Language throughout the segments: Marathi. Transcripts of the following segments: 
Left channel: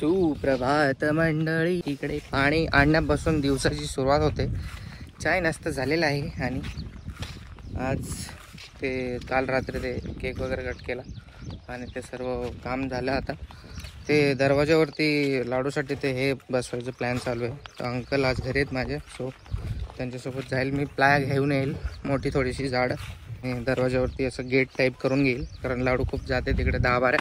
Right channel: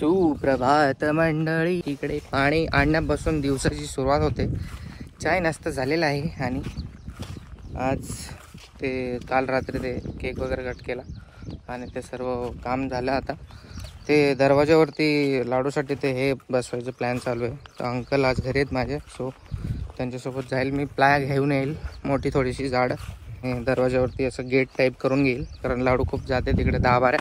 सुप्रभात मंडळी. इकडे पाणी आणण्यापासून दिवसाची सुरुवात होते. चाय नाश्ता झालेला आहे आणि आज ते काल रात्री ते केक वगैरे कट केला आणि ते सर्व काम झालं. आता ते दरवाजावरती लाडूसाठी ते हे बसवायचं प्लॅन चालू आहे. तर अंकल आज घरी आहेत माझे, सो त्यांच्यासोबत जाईल मी. प्लाय घेऊन येईल मोठी थोडीशी झाड, दरवाजावरती असं गेट टाईप करून घेईल, कारण लाडू खूप जाते तिकडे 10-12.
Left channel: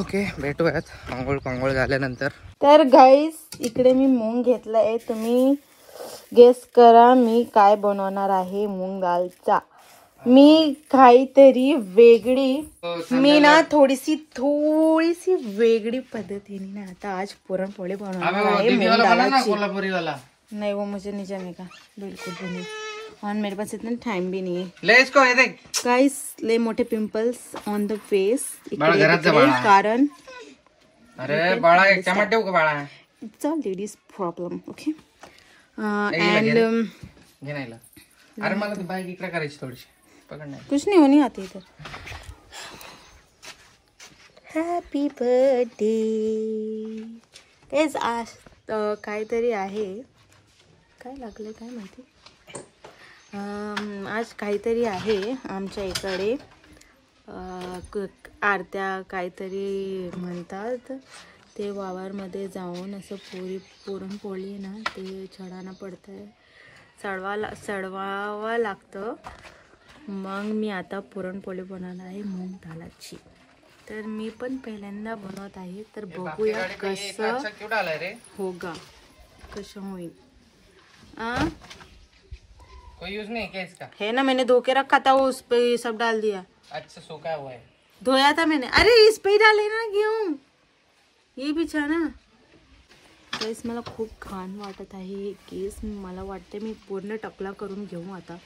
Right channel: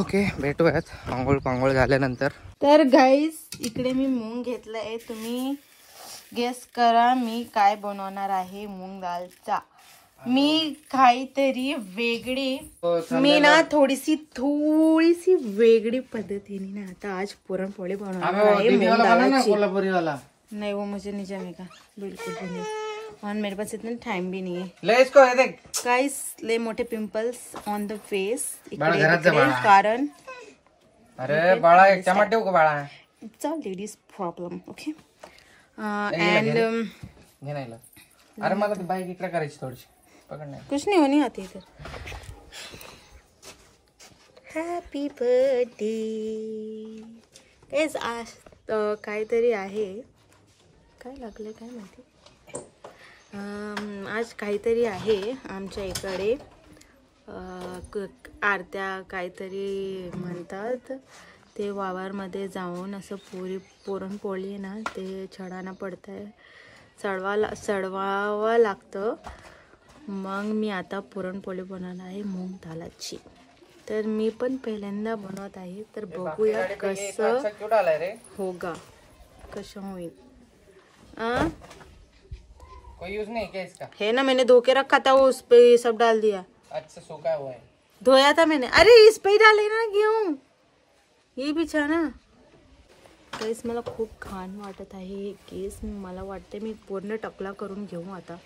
ओके, भेटूयात आंघोळ झाल्यानंतर. तर गाईस, इकडे मी मूग घेतलाय. तुम्ही गेस करा मी काय बनवणार आहे मूग दालचा. मी काहीतरी वेगळी, मी ना थोडीशी वेगळी पद्धतीने ना आता आज पुरणपोळी बनवणार आहे मूग दालची. नहीं वो मुझे नहीं जमेगा बिल्कुल भी नहीं, और मेरे पास इतना टाइम भी नहीं है. ले इसको, ये देख गाइस, ले मोठे पिंपल्स ऑन द फेस कारण अरे बाळा एक चमट देऊ का बाळा, it's a ladies problem. Okay end घे नाही. अरे मला ती बाईक इकडे करायची थोडीशी, पकड नाही. कुछ नहीं होनी आती इधर. Happy birthday guys. आज काहीतरी आहे, काय लागले काय माहिती. आज काहीतरी आहे आमच्या इकडे, आरत्या काहीतरी म्हणतात. ते वावरमध्ये जाऊन असं पुरणपोळी ना ते छडाना पडत आहे, चढवावं लागतं. मग मी आता पुरणपोळी बनवणार आहे मूग दालाची. तर मी पण पहिल्यांदा बनवत आहे, तर बघूया कसं होगा, कसं होईल. कोई यूज नहीं क्या इसका? है ना, मैंने धो के रखा था, वो उस पे ये सब डाल दिया. अच्छा सूखा हुआ है, धोया था मैंने. अरे इस पे ही डाले ना गेहूं, ये भी छा ना. गाइस, मला खूप घाण वाटत आहे केस. मला वाटते मी पूर्ण टकला करून घेऊ आता.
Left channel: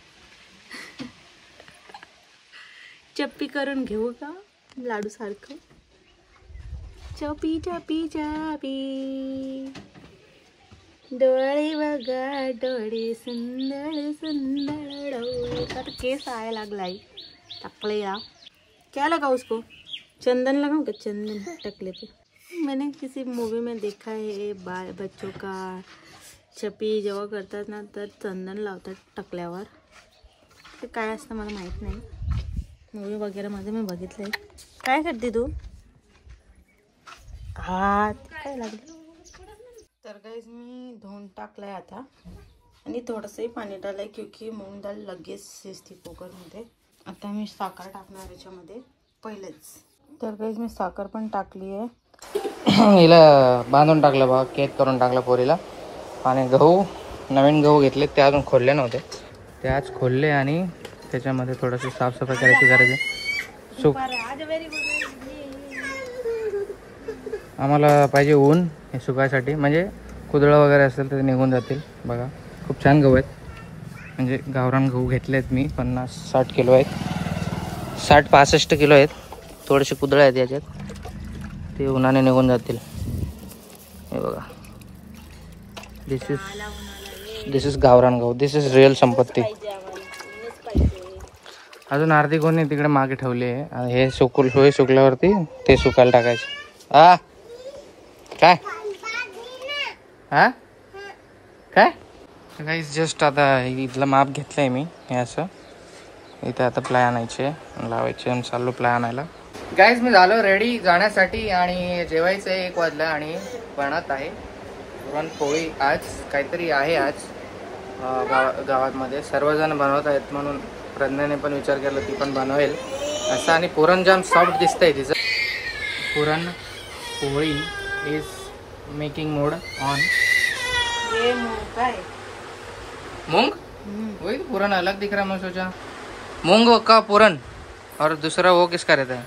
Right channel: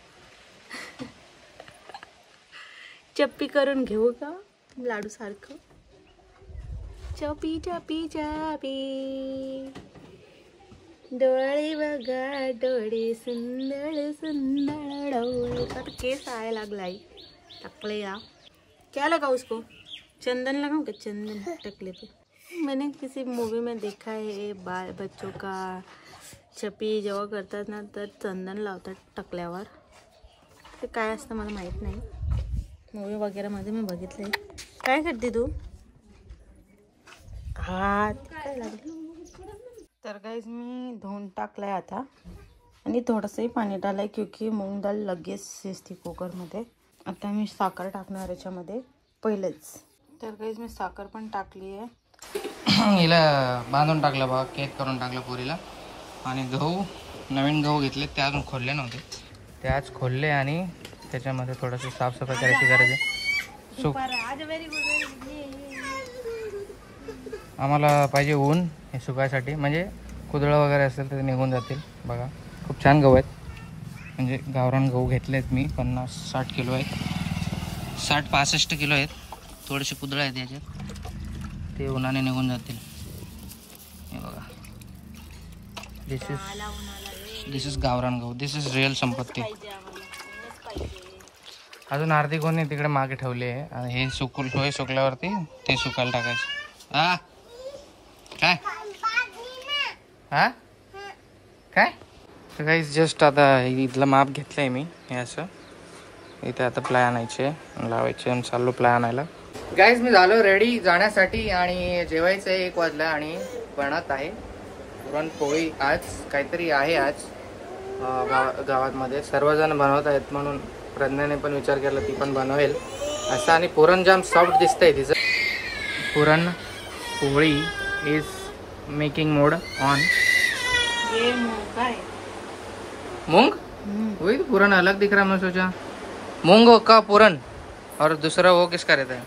चप्पी करून घेऊ का लाडू सारखं. चपी चपी चपी डोळे बघा डोळे, सुंदर सुंदर डोळे. तर केस आया लागलाई टकले. या क्या लगा उसको, चंदन लगाऊं क्या, चंदन टकले पे. मैंने किसी मूवी में देखा है बच्चों का चपी जेव्हा करतात ना तर चंदन लावतात टकल्यावर. ते काय असतं मला माहीत नाही, मूवी वगैरे मध्ये मी बघितलंय. काय करते तू, हात काय लागले. तर गाइस, मी धुवून टाकलाय आता आणि थोडंसंही पाणी टाकलंय, क्योंकि मूग दाल लगेच शिजते कुकरमध्ये. आता मी साखर टाकणार याच्यामध्ये पहिलेच. तर गाइस, मी साखर पण टाकली आहे. हिला बांधून टाकलं बघा, केक करून टाकलं पोरीला. आणि गहू, नवीन गहू घेतले, ते अजून खोलले नव्हते, ते आज खोलले आणि त्याच्यामध्ये थोडंसं साफसफाई करायची गरज आहे. आम्हाला पाहिजे ऊन हे सुकायसाठी, म्हणजे कुदळं वगैरे असेल तर ते निघून जातील. बघा खूप छान गहू आहेत, म्हणजे गावरान गहू घेतलेत मी. 50-60 किलो आहेत, 60-65 किलो आहेत. थोडेसे कुदळं आहेत याच्यात, ते उन्हाने निघून जातील. हे बघा, दिस इज गावरान गहू, दिस इज रिअल संपत्ती. अजून अर्धी कोणी तिकडे मागे ठेवली आहे. हे सुकल्यावरती ते सुकायला टाकायचे. काय काय गाइस, जस्ट आता इथलं माप घेतलंय मी. हे असं इथे आता प्लाय आणायचे, लावायचे आणि चाललो प्लाय आणायला. गाइस, मी झालो रेडी जाण्यासाठी आणि जेवायचं 1 वाजलं आणि बनत आहे पुरणपोळी. आज काहीतरी आहे, आज गावामध्ये सर्वजण बनवत आहेत, म्हणून प्रज्ञाने पण विचार केला ती पण बनवेल असं. आणि पुरण जाम सॉफ्ट दिसतंय तिचं. Puran poli is making mode on. ये मूंग का है? मूंग? वही पुरण अलग दिख रहा है. मैं सोचा मूंग का पुरण और दूसरा वो किसका रहता है,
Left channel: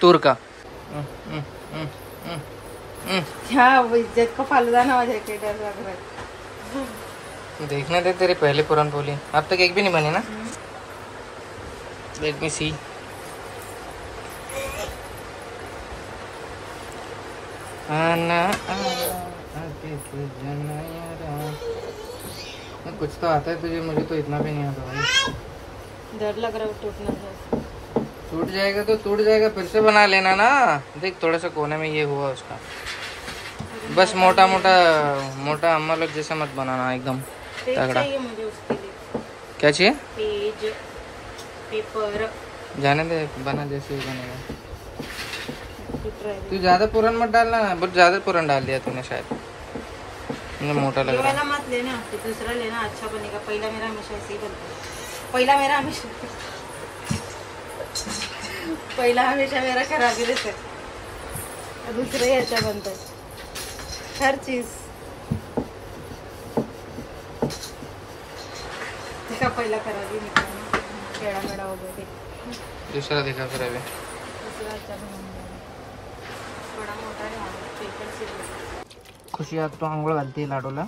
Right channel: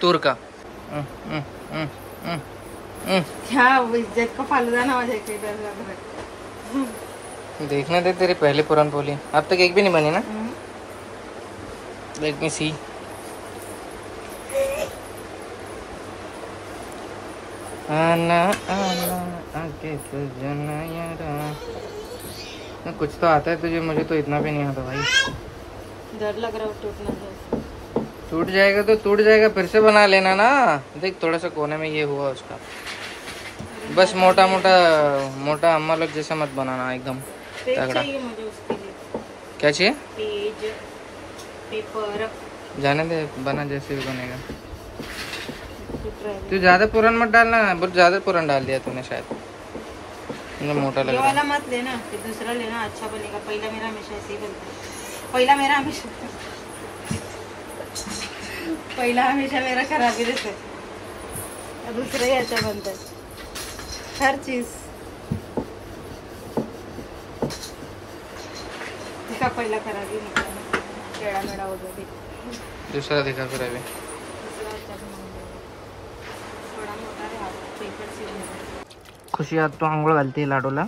तूर का. इज्जत का फालूदा ना हो जाए. देखने दे तेरी पहली पुरणपोली. अब तक एक भी नहीं बनी ना. Let me see. आना आना आके सजना यारा. कुछ तो आता है तुझे, मुझे तो इतना भी नहीं आता भाई. डर लग रहा है टूटना. टूट जाएगा तो टूट जाएगा, फिर से बना लेना ना। देख थोड़ा सा कोने में ये हुआ उसका, बस मोटा मोटा मोटा अम्मा लोग जैसा मत बनाना एकदम तगड़ा। मुझे उसके लिए क्या चाहिए? Page paper. जाने दे, बना जैसे ही बनेगा। तू ज्यादा पूरन मत डालना, बहुत ज्यादा पूरन डाल दिया तूने शायद, मुझे मोटा लग रहा है। मत लेना, फिर दूसरा लेना, अच्छा बनेगा। पहला मेरा हमेशा ऐसे ही बनता है। पहला हमेशा मेरा खराब ही रहता है, दूसरा ही अच्छा बनता है हर चीज। देखा पहला खराब ही निकला, टेढ़ा मेढ़ा हो गया। दूसरा दिखा कर दे। खुशी आज तो आंघोळ घालते लाडूला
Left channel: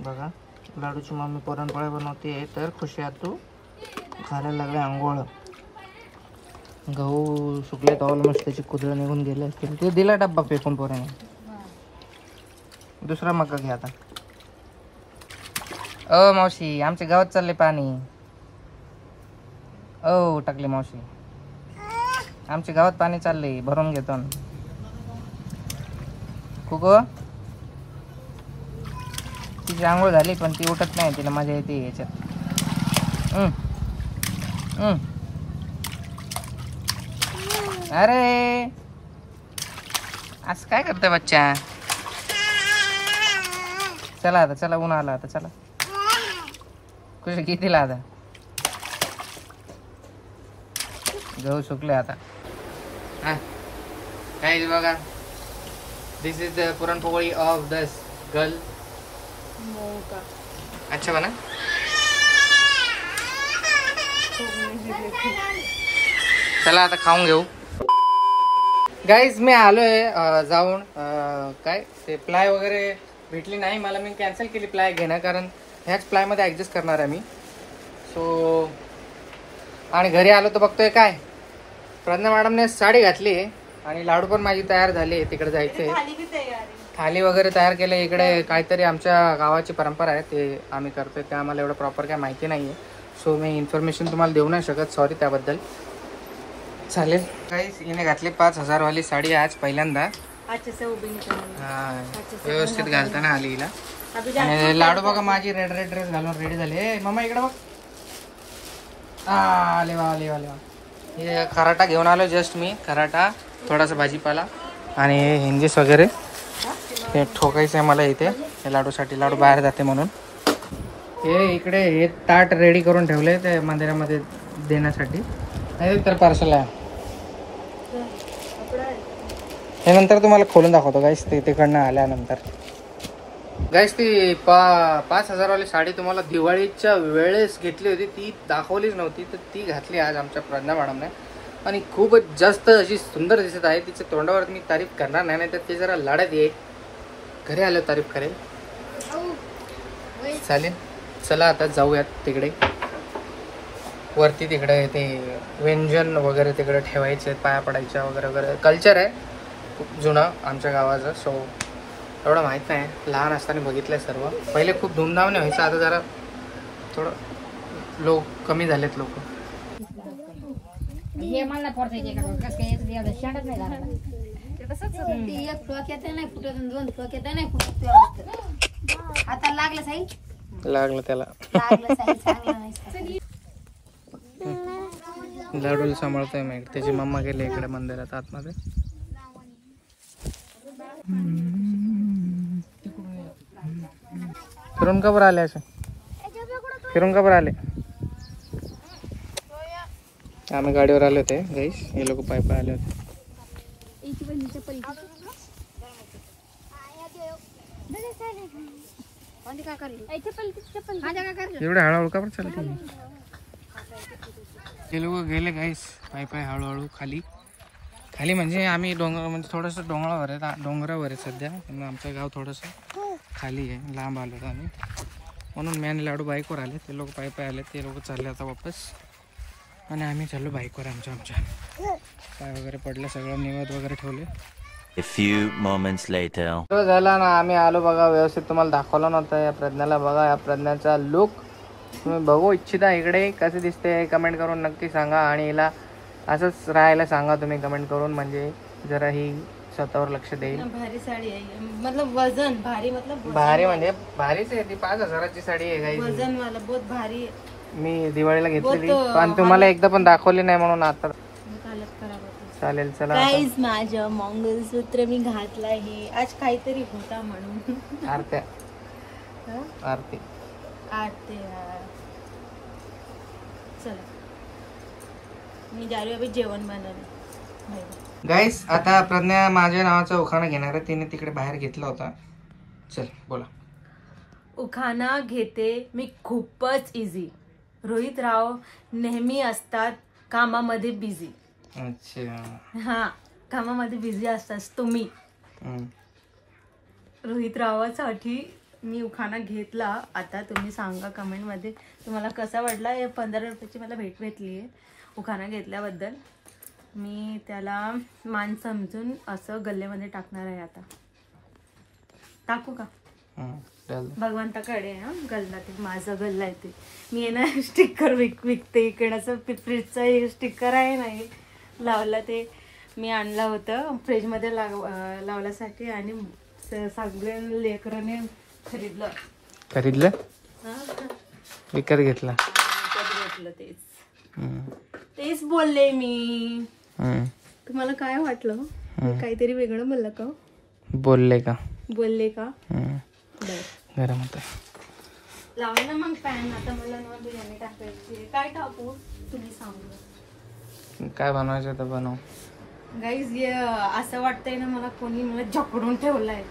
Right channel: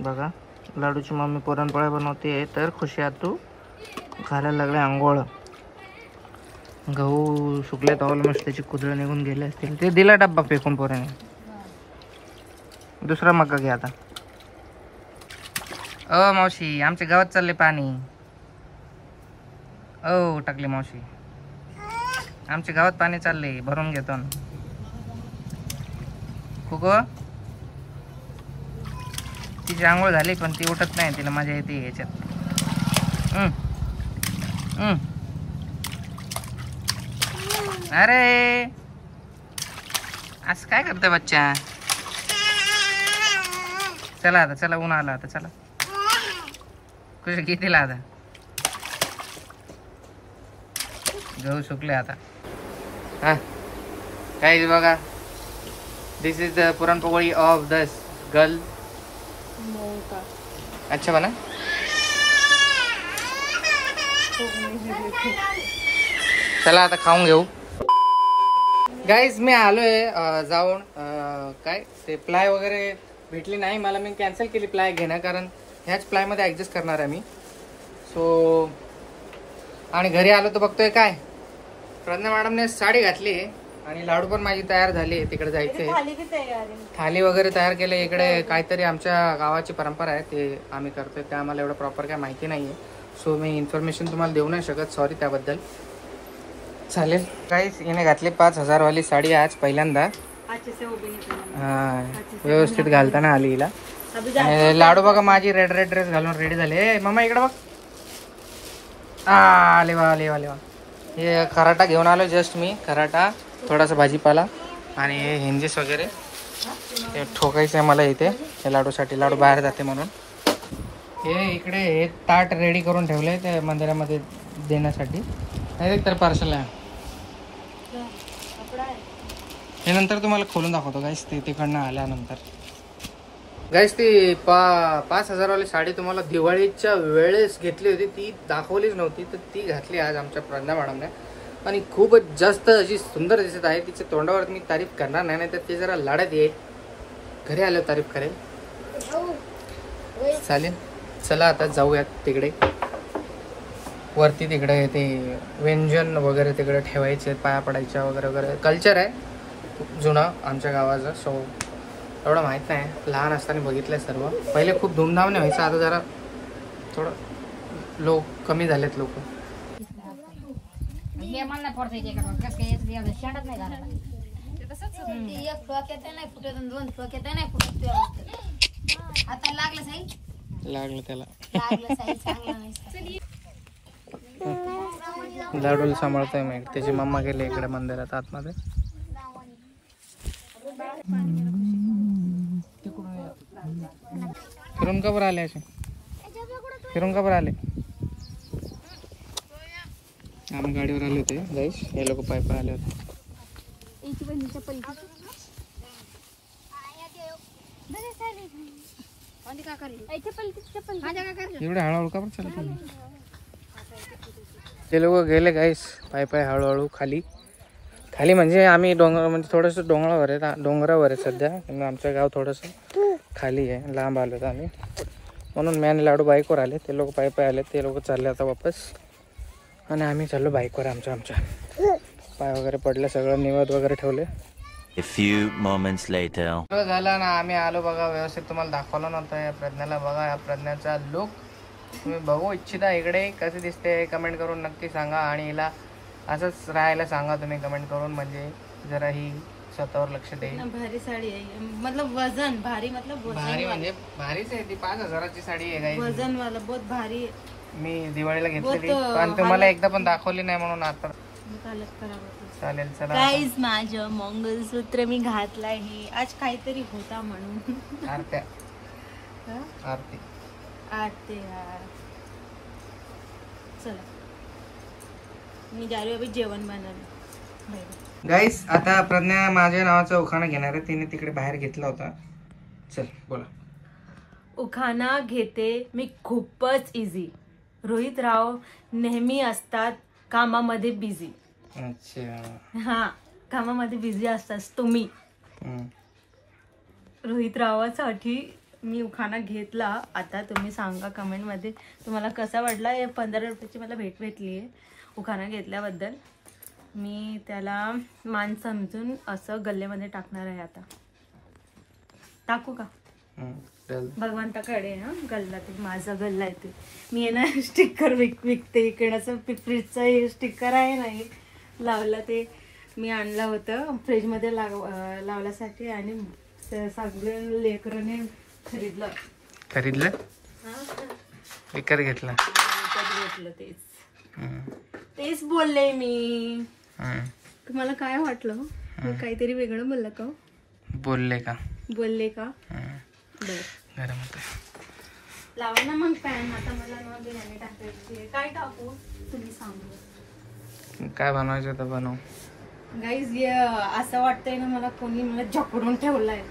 बघा। लाडूची मम्मी पुरणपोळ्या बनवते, तर खुशी आज तू घालायला लागले आंघोळ। गहू सुकले तर ऑलमोस्ट त्याची कुदळ निघून गेले असतील, ते दिला डब्बा फेकून पोराने। दुसरा मका घे आता। ओ मावशी, आमच्या गावात चालले पाणी। ओ टाकले मावशी, आमच्या गावात पाणी चालले, भरून घेतो ना। कुको तिची आंघोळ झाली पण ती उठत नाही, तिला मजा येते याच्यात। अरे आज काय करतोय बच्चा? चला आता, चला ऊन आला आता, चला कुठे कितीला आता गहू सुकले आता। हा काय बघा, this is the puranpoli of this girl. अच्छा बना। चला आता खाऊन घेऊ। गाईज मी आलोय जाऊन, काय ते प्लाय वगैरे भेटली नाही मला, मी कॅन्सल केली प्लाय घेणं, कारण ह्याच प्लाय मध्ये ऍडजस्ट करणार आहे मी। सो आणि घरी आलो तर बघतोय काय, प्रज्ञा मॅडमने साडी घातली आणि लाडू पण माझी तयार झाली, तिकडे जायचंय। थाली वगैरे तयार केले। इकडे काहीतरी आमच्या गावाची परंपरा आहे, ते आम्ही करतोय, ते आम्हाला एवढं प्रॉपर काय माहिती नाहीये, सो मी इन्फॉर्मेशन तुम्हाला देऊ नाही शकत, सॉरी त्याबद्दल। चालेल काहीच, हिने घातली 5000 वाली साडी आज पहिल्यांदा, व्यवस्थित घालताना आली हिला। आणि लाडू बघा माझी रेड ड्रेस घालून रेडी झाले। मम्मा इकडे बघ, आले वा आले वाले वा। हे खराटा घेऊन आलो जस्ट मी, खराटा, थोडासा भाजीपाला आणि हिंजीस वगैरे हे ठोकायचं आहे मला इथे, हे लाडूसाठी, लाडू बाहेर जाते म्हणून। हे इकडे हे ताट रेडी करून ठेवले ते मंदिरामध्ये देण्यासाठी, हे तर पार्सल आहे। हे नंतर तुम्हाला खोलून दाखवतो गाईस, ते तिकडनं आल्यानंतर। गाईस ती 5000 वाली साडी तुम्हाला दिवाळीच्या वेळेस घेतली होती, ती दाखवलीच नव्हती, तर ती घातली आज आमच्या प्रज्ञा मॅडमने आणि खूपच जास्त अशी सुंदर दिसत आहे। तिच्या तोंडावर मी तारीफ करणार नाही, तर ती जरा लाडत येईल, घरी आलं तारीफ करेल। चालेल चला आता जाऊयात तिकडे वरती, तिकडे ते व्यंजन वगैरे तिकडे ठेवायचे, पाया पडायच्या वगैरे वगैरे कल्चर आहे खूप जुनं आमच्या गावाचं। सो एवढं माहित नाही, लहान असताना बघितलंय सर्व, पहिले खूप धूमधामने व्हायचं, आता जरा थोडं कमी झालेत लोक। लागलं त्याला, लाडूला सांभाळतोय मी, त्याची मम्मा गेली इकडे मंदिरात आतमध्ये। फिरून का बरं आले असे, फिरून का बरं आले? आम्ही गाडीवर आले होते गाईस, हे लोक पाय पाय आले होते। एवढे हळूहळू का बरं चालत? ते लोक गेले गाईस पाय पाय हळूहळू खाली, खाली म्हणजे आम्ही डोंगर, म्हणजे थोडंसं डोंगरावर आहे, डोंगरावर आहे सध्या, आमचं गाव थोडंसं खाली आहे, लांब आलो आम्ही, म्हणून मी आणि लाडू बाईकवर आले, ते लोक पाय पाय आले, ते लोक चालले आता वापस, आणि आम्ही चाललो बाईकवर आमच्या पाय वगैरे पडले, सगळं निवद वगैरे ठेवले। A few moments later. झाला ना, आम्ही आलो बघा, व्यवस्थित तुम्हाला दाखवलं नव्हतं या प्रज्ञाला, बघा या प्रज्ञाचा लुक तुम्ही बघू इच्छिता इकडे कसे दिसते, कमेंट करून नक्की सांगा। आणि हिला असंच राहायला सांगा तुम्ही कमेंट करून, म्हणजे जरा ही स्वतःवर लक्ष देईल. भारी साडी आहे, मतलब वजन भारी, मतलब भारी म्हणजे भारीच आहे ती. 5,000ची साडी आहे गाईज. वजन वाला बहुत भारी. मी दिवाळीला घेतली पण तुम्हाला एकदा पण दाखवली नाही म्हणून आता हालत खराब होती. चालेल चला. गाईज माझं मंगलसूत्र मी घातलं आहे आज काहीतरी होता म्हणून. आरत्या आरती आरती चला मी जा रही अभी जेवण बनवलं. गाईस आता प्रज्ञा माझ्या नावाचा उखाणा घेणार आहे. तिने तिकडे बाहेर घेतला होता. चल बोला. उखाणा घेते मी खूपच इझी. रोहित राव नेहमी असतात कामामध्ये बिझी. अच्छा हा कामामध्ये बिझी असतात तुम्ही. रोहित रावासाठी मी उखाणा घेतला. आता तुम्ही सांगा कमेंट मध्ये तुम्हाला कसा वाटला. 15 रुपयाची मला भेट भेटली आहे उखाणा घेतल्याबद्दल. मी त्याला मान समजून असं गल्ल्यामध्ये टाकणार आहे. आता टाकू का. भगवंताकडे हा गल्ला ते माझा गल्ला आहे. ते मी आहे ना स्टिकर विकते इकडचं फ्रीजचं स्टिकर आहे ना लावलं. ते मी आणलं होतं फ्रीजमध्ये लावण्यासाठी आणि सगळे लेकरांनी खरीदलं विकत घेतलं. तेच बोलले मी. तुम्हाला काय वाटलं. काहीतरी वेगळं बोललं का. बोलले का गरम होतं. लावा ना मग पॅन. आता मला बिर्याणी टाकायची. काय टाकू तुम्ही सांगा. काय बनवायचं तर बनव. गाईज असं वाटतंय ना मला कोणी मला जकडून ठेवलाय.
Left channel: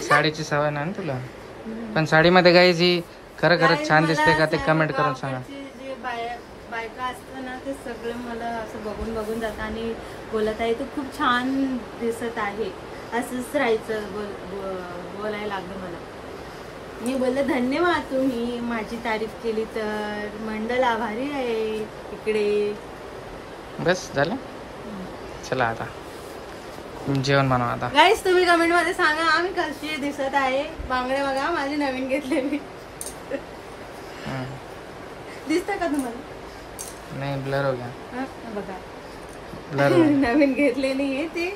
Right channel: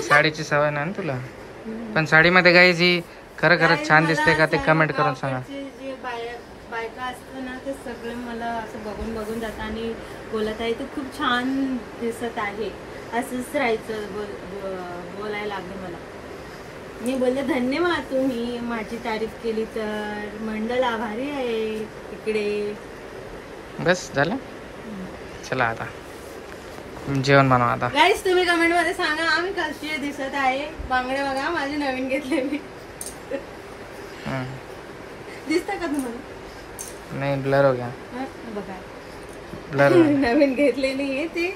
साडीची सवय नाही ना तुला. पण साडीमध्ये गाईज ही खरंच छान दिसते का ते कमेंट करून सांगा. जे बायका असतं ना ते सगळे मला असं बघून जातात आणि बोलत आहे तू खूप छान दिसत आहे. असंच राहायचं बोलायला लागलं मला. मी बोलले धन्यवाद तुम्ही माझी तारीफ केली तर. मंडळ आभारी आहे इकडे. बस झालं. चला आता जेवण बनवा. आता गाईस तुम्ही कमेंट मध्ये सांगा आम्ही कशी दिसत आहे. बांगडे बघा माझे नवीन घेतले मी. दिसत का तुम्हाला. नाही ब्लर हो गया. बघा ब्लर नवीन घेतलेली आहे ती.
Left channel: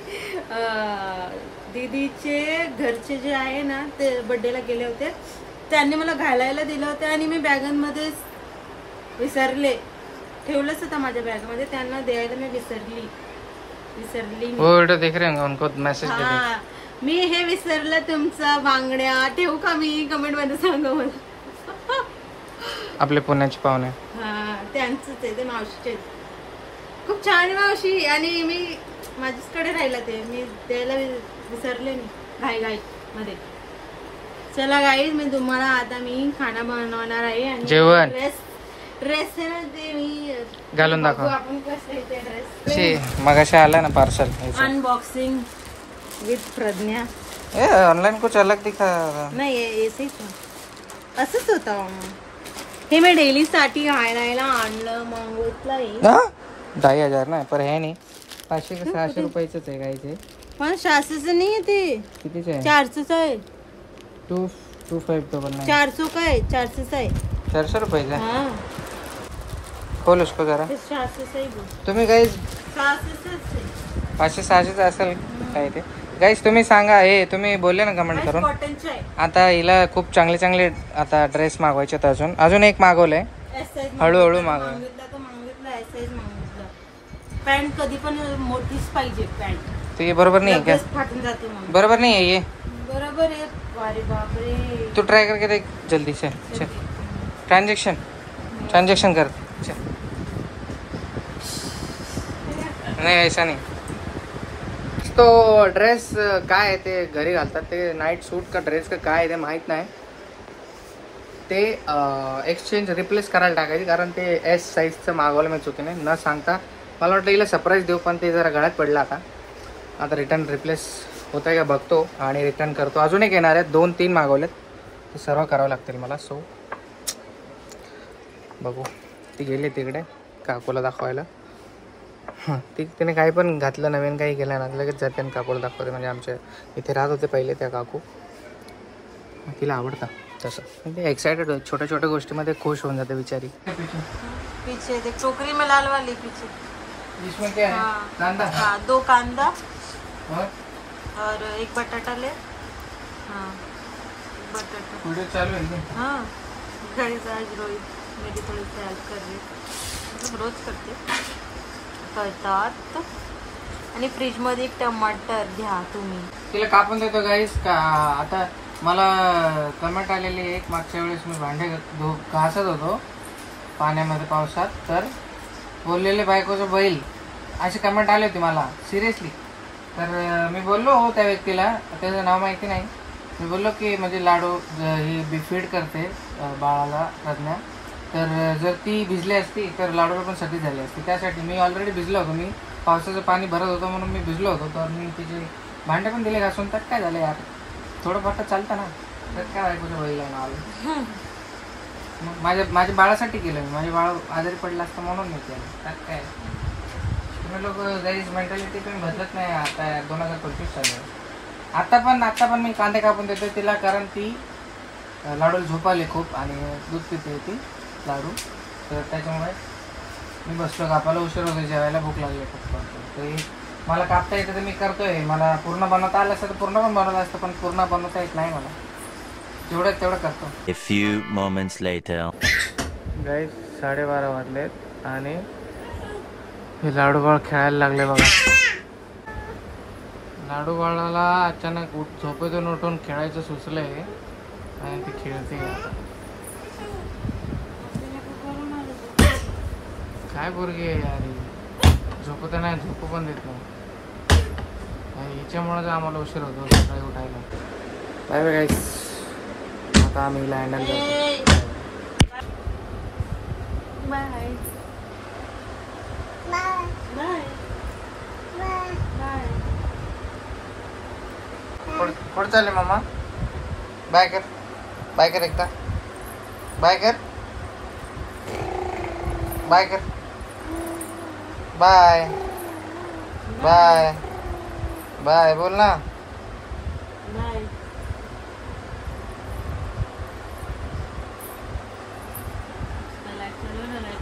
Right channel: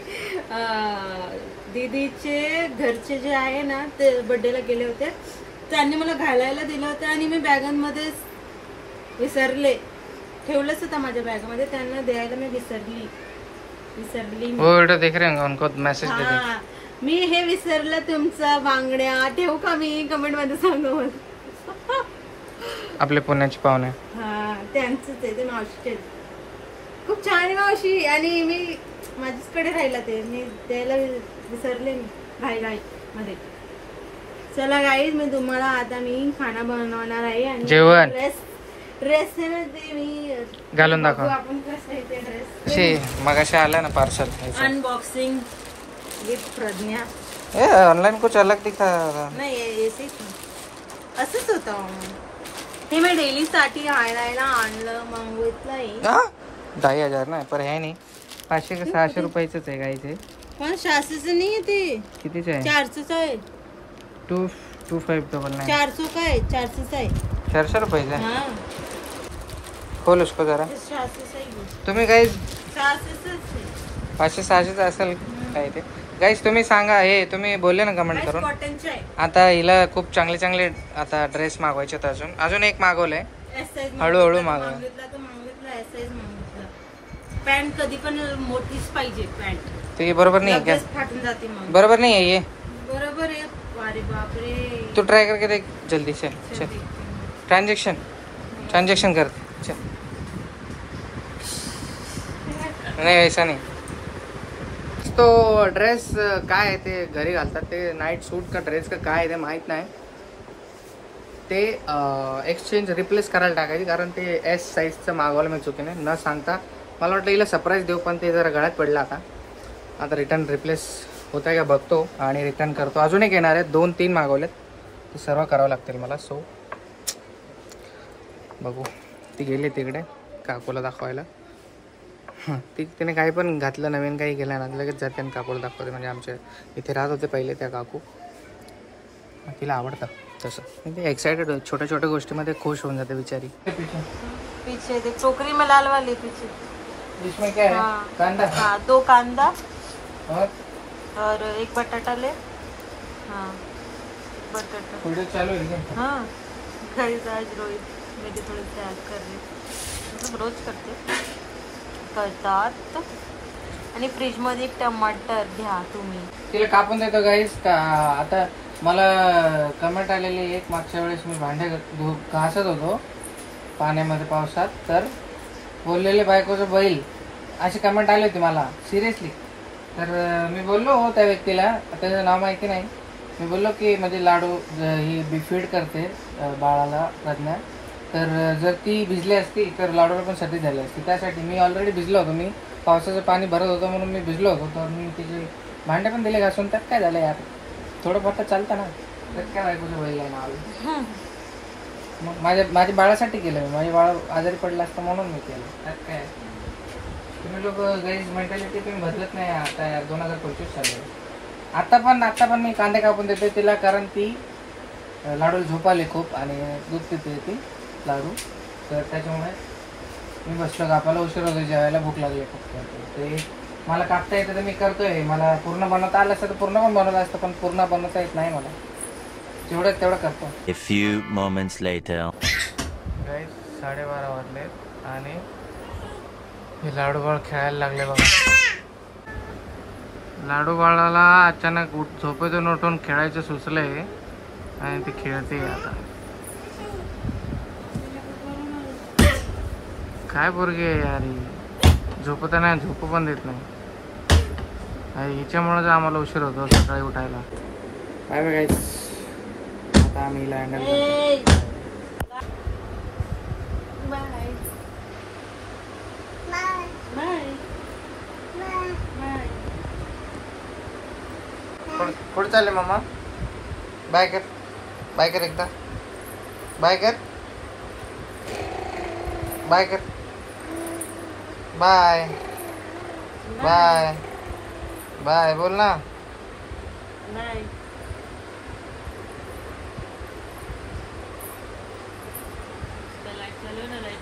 दीदीचे घरचे जे आहे ना ते बर्थडेला गेले होते. त्यांनी मला घालायला दिलं होतं आणि मी बॅगांमध्ये विसरले. ठेवलंच होतं माझ्या बॅगमध्ये. त्यांना द्यायला मी विसरली. वो वीडियो देख रहे होंगे उनको मैसेज दे दे. मी हे विसरलं तुमचा बांगड्या. ठेवू का मी. कमेंट मध्ये सांगा मला. आपले पुण्याचे पाहुणे. हा त्यांचंच आहे ते. मावशीचे खूप छान आहे मावशी. आणि मी माझ्याकडे राहिला ते मी द्यायला विसरले घाई मध्ये. चला गाईज मी तुम्हाला आता मी खाना बनवणार आहे आणि जेवण ड्रेस आहे ना ते मी घालून दाखव. आपण कसं आहे ते ड्रेस. मगाशी आला ना parcel. Unboxing with Pragya. Online कुछ अलग दिखा. नाही असंच होतं. हे मी डेली साठी आणायला आणलं मागवतलं. 2,500 ना पर है नाही. 500 का 600 रुपयाच आहे गाईचे. पण 600 नाही आहे ते. कितीच आहे. 400 आहे. 225 तो बोलना है. 400 का है. 400 आहे. 400 रुपये. हाँ खोल उसको जरा. 400 तुम्ही गाईज 500 असेल काय ते. गाईज तुम्ही सांगा. हे तुम्ही बोलले ना कमेंट करून. आता हिला खूप चांगले आता ड्रेस मागवायचे. अजून एक मागवलंय. हळूहळू मागवलं. पॅन्ट कधी पण मोठीच पाहिजे. पॅन्ट ते बरोबर नाही आहे फाटून जाते. बरोबर नाही आहे ये. बरोबर आहे. अरे बापरे. तू ट्राय करके देख जल्दी से. ट्रांजेक्शन करते. नाही ऐसा नाही. तो ड्रेस काय आहे ते घरी घालतात ते नाईट सूट का ड्रेस का काय आहे ते माहित नाही. ते एक्सचेंज रिप्लेस करायला टाकायची कारण ते S साईजचं मागवलं मी चुकीने न सांगता. मला वाटलं हिला सरप्राईज देऊ पण ते जरा गळ्यात पडलं. आता रिटर्न रिप्लेस होत आहे का बघतो आणि रिटर्न करतो. अजून एक येणार आहेत. 2-3 मागवलेत. ते सर्व करावं लागतील मला. सो बघू. ती गेली तिकडे काकूला दाखवायला. तिने काही पण घातलं नवीन काही केलं ना लगेच जाते आणि काकूला दाखवते. म्हणजे आमच्या इथे राहत होते पहिले त्या काकू. तिला आवडतं तसं. ते एक्साइटेड होत. छोट्या गोष्टीमध्ये खुश होऊन जाते बिचारी. पीछे देख टोकरी में लाल वाली पीछे. इसमें क्या है? हाँ। कांदा हाँ 2 कांदा और और 1 बटाटा ले। हाँ बटाटा। वीडियो चालू है एकदम. हाँ गाइस आज रोहित मेरी थोड़ी सी हेल्प कर रही, मतलब रोज करते करतात. आणि फ्रीजमध्ये 1 टमाटर घ्या तुम्ही. तिला कापून देतो गाईस का. आता मला कमेंट आलेली एक, मागच्या वेळेस मी भांडे घासत होतो पाण्यामध्ये पावसात, तर बोललेले बायकोचं बैल अशी कमेंट आली होती मला सिरियसली. तर मी बोललो हो त्या व्यक्तीला, त्याचं नाव माहिती नाही, मी बोललो की म्हणजे लाडू ही फीड करते बाळाला प्रज्ञा, तर जर ती भिजली असती तर लाडूला पण सर्दी झाली असती. त्यासाठी मी ऑलरेडी भिजलो होतो, मी पावसाचं पाणी भरत होतं म्हणून मी भिजलो होतो, तर मी तिचे भांडे पण दिले घासून. त्यात काय झालं यार, थोडं फार चालतं ना. त्यात काय बायकोचं बैल आहे ना. माझ्या बाळासाठी केलं मी, माझे बाळ आजारी पडलं असतं म्हणून मी केलं. त्यात काय तुम्ही लोक गैर मेंटॅलिटी तुम्ही बदलत नाही. आता 2025 चालू आहे. आता पण मी कांदे कापून देते तिला, कारण ती लाडूला झोप आली खूप आणि दूध पिते ती लाडू, तर त्याच्यामुळे मी बसलो कापायला. उशीर होतो, जेवायला भूक लागली फक्त. ते मला कापता येतं तर मी करतोय. मला पूर्ण बनवता आलं असतं तर पूर्ण पण बनवलं असतं, पण पूर्ण बनवता येत नाही मला. जेवढं तेवढं करतो. A few moments later. गाईस 12:30 वाजलेत आणि हे लाडू बाळ खेळायला लागले बघा. लाडू बाळाला अचानक झोपेतून उठून खेळायचं सुचलंय आणि ती खेळते आता. काय पोरगी आहे यार ही, झोपत नाही, झोपू पण देत नाही. हिच्यामुळेच आम्हाला उशीर होतो सकाळी उठायला. Bye bye guys. आता आम्ही हिला हँडल करतो. Bye bye bye. कुठं चालले मामा? बाय कर, बाय कर एकदा, बाय कर, बाय कर, बाय बाय बाय बोल ना. बाय. लाईट चालू ना, लाईट.